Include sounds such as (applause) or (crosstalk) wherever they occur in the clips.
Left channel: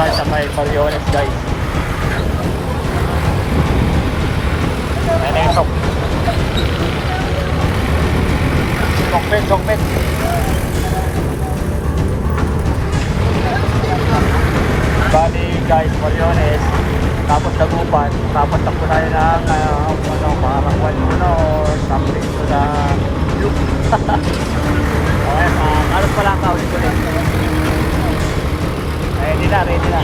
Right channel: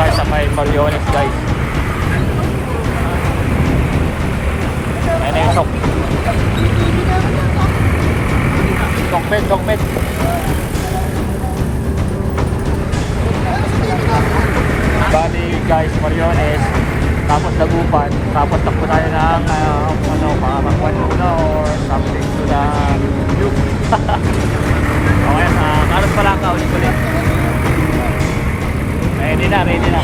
tayo sa may Coriolis guys. Ayan na yung sok. Sokpet, sokpet. Bali guys, Mariones, tapos Lagupan, tapos takbo tayo ng uh, ano, Luna or something to na (laughs) okay, uh, karos pa lang ka ulit ulit. Ready na, ready na.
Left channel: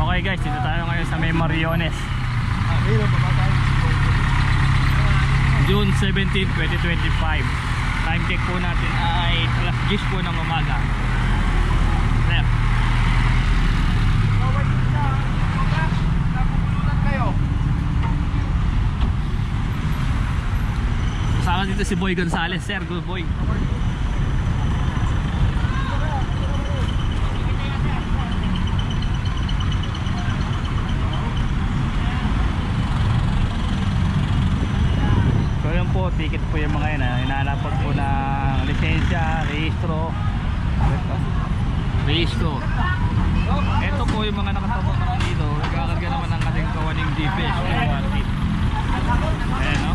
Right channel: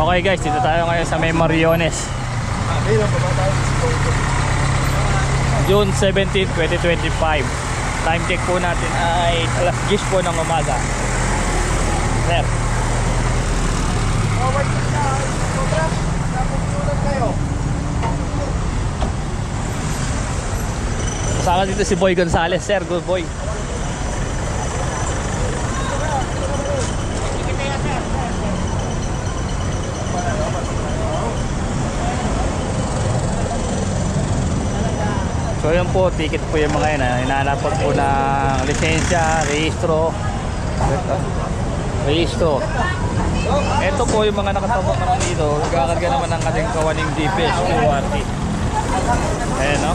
Okay guys, dito tayo ngayon sa may. June 17, 2025. Time check po natin ay alas 10 po ng umaga. Sir. Kasama dito si Boy Gonzales. Sir, good boy. So yun po, ticket po yung mga yun. ah. Hinahanapot po ng lisensya, rehistro. Rehistro. Ito po yung mga nakatabak naman dito. Nagkakarga naman ng ating kawaning DPS QRT. Ayan no?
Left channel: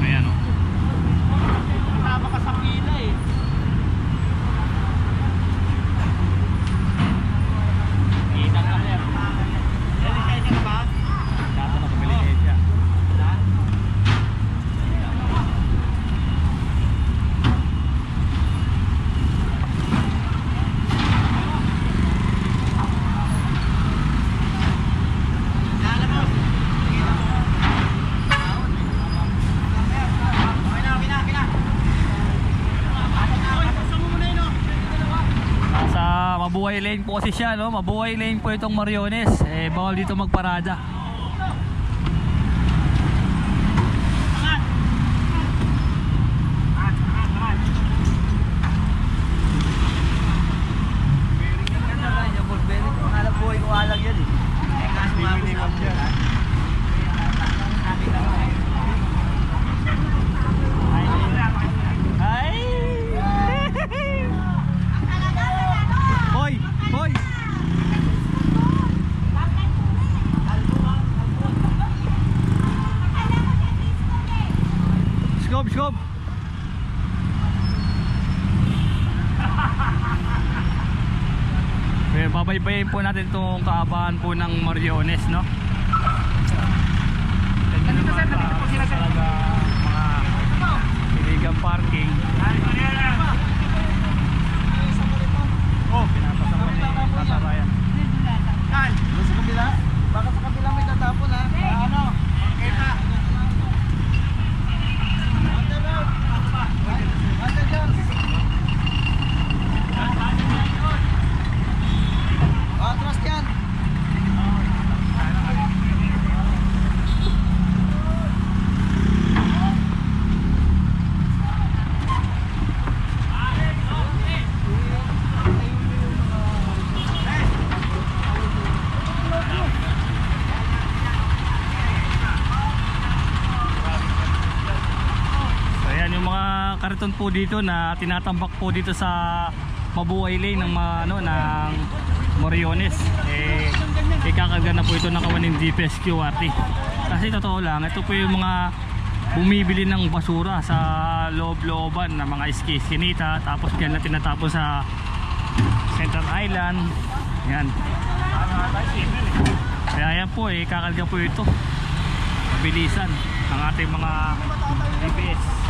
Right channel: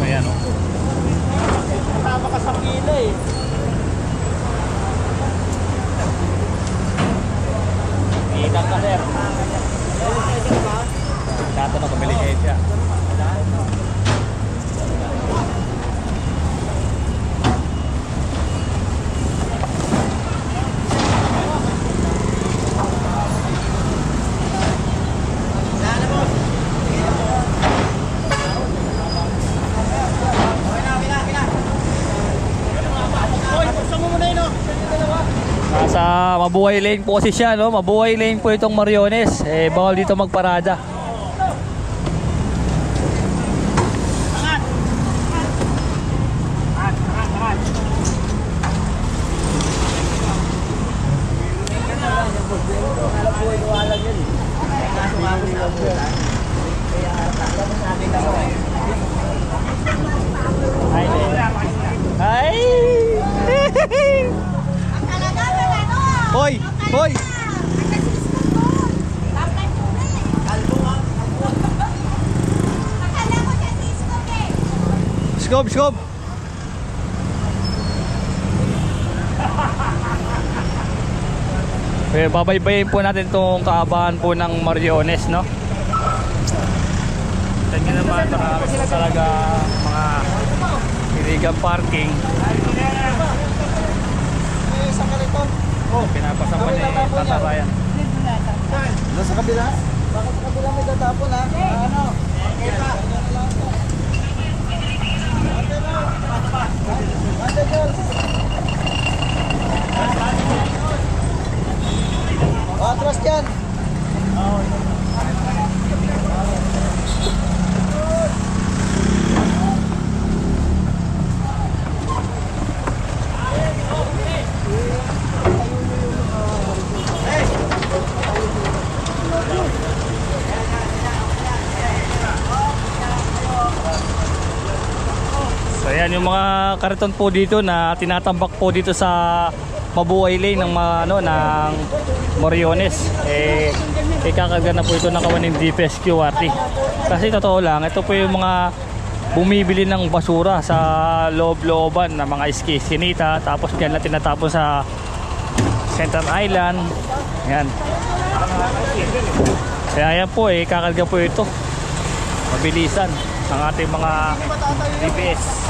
Ayan no? Kasama ka sa pila eh. Kitang ka sir. Lisensya ka ba? Tatanong kung may lisensya. Sana boss. Okay na, okay na, okay na. Hoy, buksan mo muna yun oh. Nasa Mabuhay Lane po kasi siya, no? Mabuhay Lane po itong Mariones. Eh, bawal dito magparada. Scope, scope! Eh, babaybayin po natin itong kaabahan po ng Mariones, no? Tignan naman uh, talaga mga illegal parking. Oh, pinapasa mo ni Tatarayan. Doon sa kabila? Baka sa kabila may tatapon ha? Ano? Atras dyan! So ayan yung mga kariton po dito na tinatambak po dito sa Mabuhay Lane ng ano ng Moriones. Eh ikakarga na po ito ng kawaning DPS QRT. Kasi totoo lang, ito po yung mga bumibili ng basura sa loob-looban na mga iskinita tapos diyan na tinatapon sa Central Island. Yan. Kaya yan po eh, kakarga po ito. Mabilisan ng ating mga DPS.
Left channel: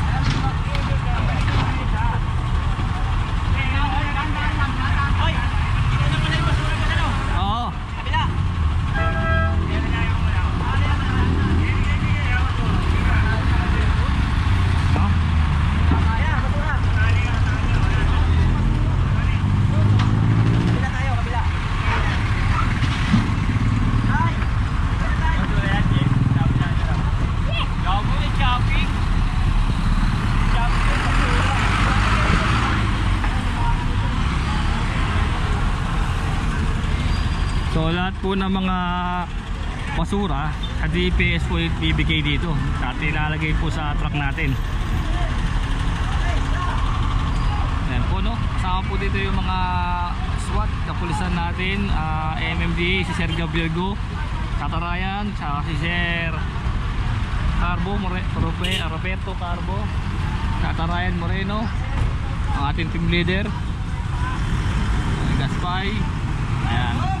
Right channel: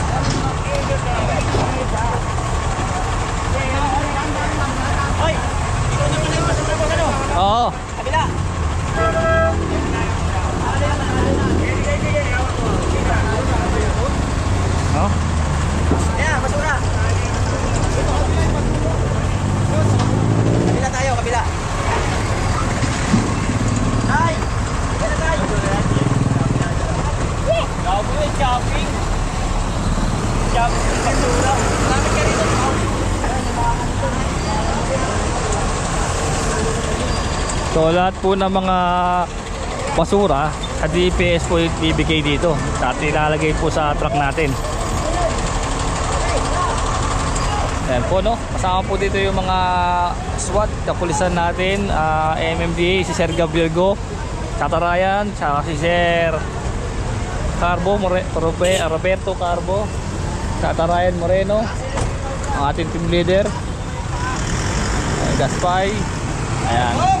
Hoy! Ikaw na pala yung basura boss ano? Oo. Kabila! No? Ayan, basura! So lahat po ng mga basura sa DPS po ibibigay dito at ilalagay po sa truck natin. Ayan po no, kasama po dito yung mga SWAT, kapulisan natin, ah, MMDA, si Sir Gabriel Go, Tatarayan, tsaka si Sir Carbo, More, Robe, Roberto Carbo, Tatarayan Moreno, ang ating team leader, ay, Gaspay, ayan.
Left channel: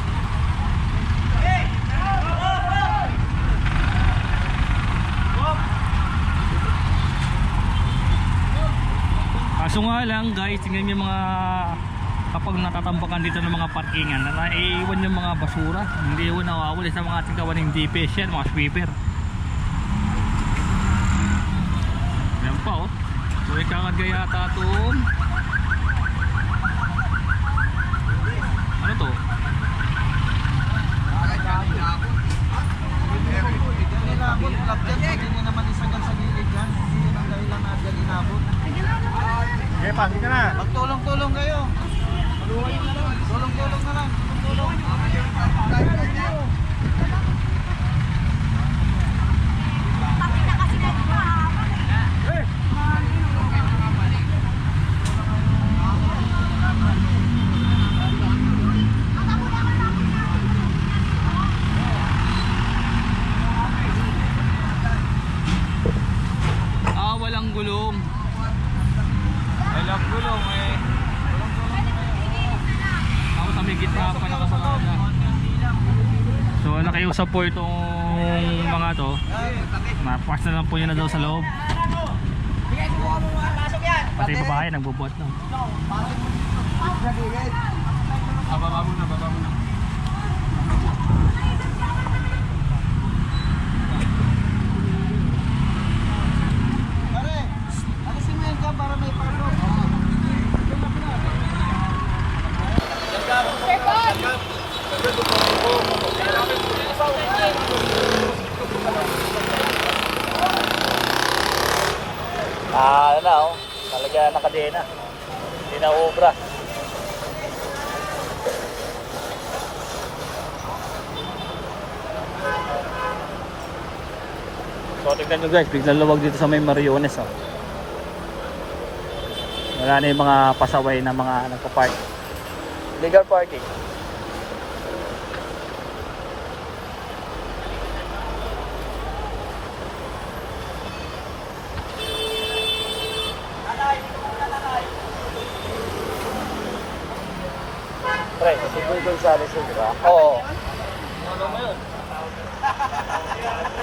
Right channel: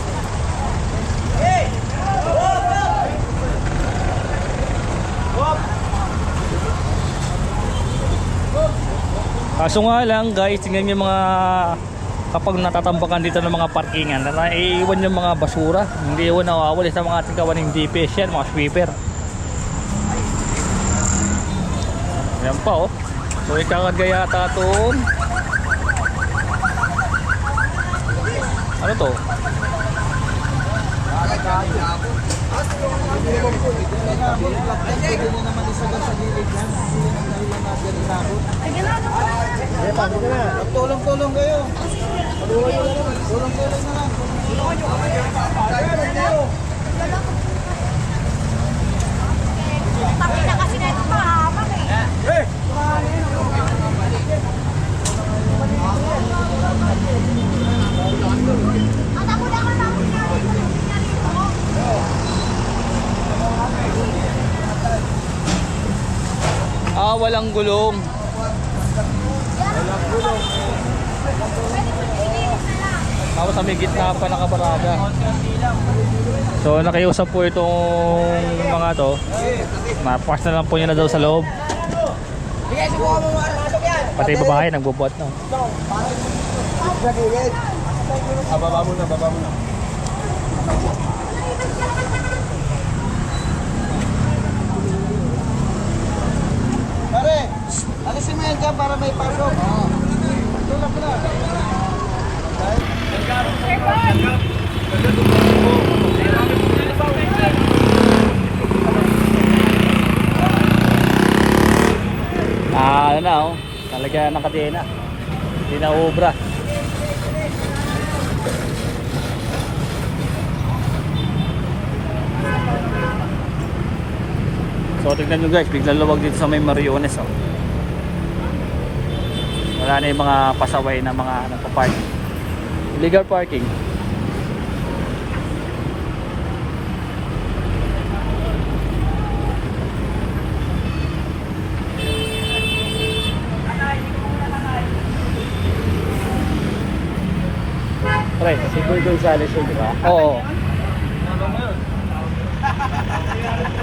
Kaso nga lang guys, tingnan niyo mga kapag natatambakan dito ng mga parkingan, na naiiwan yung mga basura. Hindi iwan nawawala sa mga ating kawaning DPS yan, mga sweeper. Yan pa oh. So ikakagaya yata itong ano to? Naman. Hindi ang dahilan na dyan inabot. Eh, pati ka na. Magtulong-tulong kayo. Tulong-tulong na lang. Pakita kasi na ito mahaba eh. Mata mo na ako tapos na. Ah, walang gulong. Walang gulong eh. Tapos sa may gitna pa nakabarada. So nakiusap po itong mga to. Napas na lang po yun na daw sa loob. Pati babae nagbubuhat na. Ah, baba mo na, baba mo na. Pare, alisin mo yan dyan para may pasok. Tulak na. Ah, ano na oh. Talaga nakatena. Hindi na ubra. So tignan nyo guys, biglang luwag dito sa may Mariones oh. Wala na yung mga pasaway na mga nagpa-park. Illegal parking. pre. Si Boy Gonzales, di ba? Oo. (laughs)